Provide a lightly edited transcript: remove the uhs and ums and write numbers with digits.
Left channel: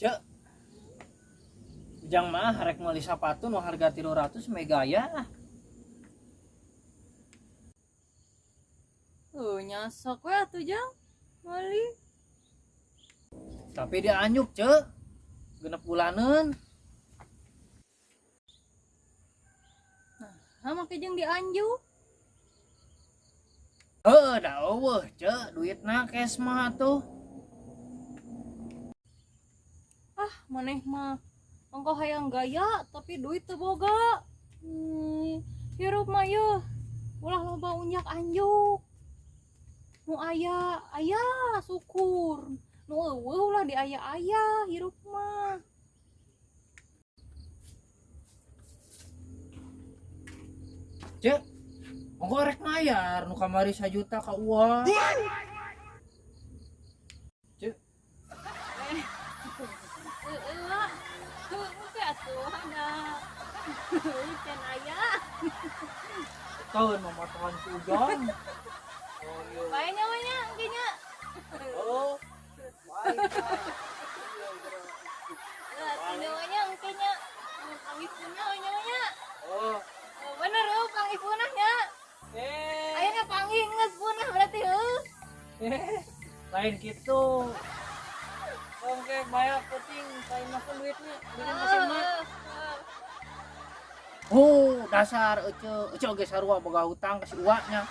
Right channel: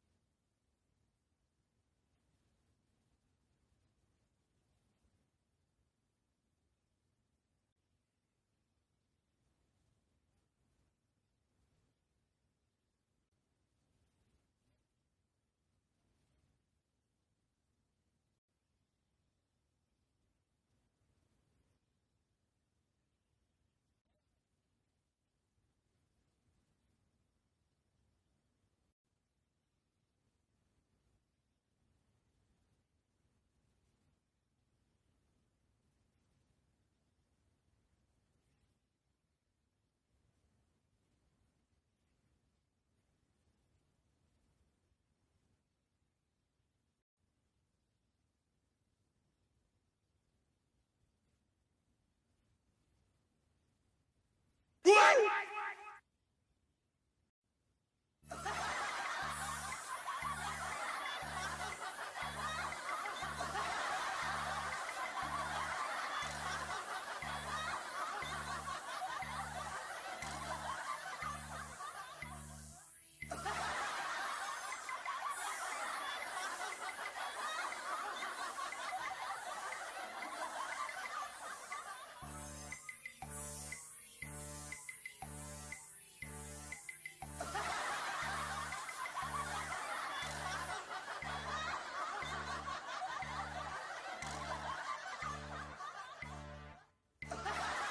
Cek, ujang mah harek meuli sapatu nu harga 300 megaya. Nyasok we atuh Jang. Meuli. Tapi dia anyuk, cek. Genep bulaneun. Make jeung dianjuk. Da eueuh, cek. Duitna cash mah tuh. Maneh mah engko hayang gaya tapi duit teu boga. Hirup mah yeuh. Ulah loba unjak anjuk. Nu aya syukur. Nu eueuh ulah diaya-aya hirup mah. Cek, engko rek mayar nu kamari 1 juta ka uang. Cek, Oke atuh na. Can aya. tahun memotongan ujang. Bae namanya engkenya. Oh, Namanya engkenya. Ibunya namanya. oh. Bener Kang Ipunah nya. Ayeuna panggih geus punah berarti heuh. Lain gitu. Oke, banyak penting saya makan duitnya. Bikin mesin mah. Dasar ece oge sarua boga hutang ka si uwanya.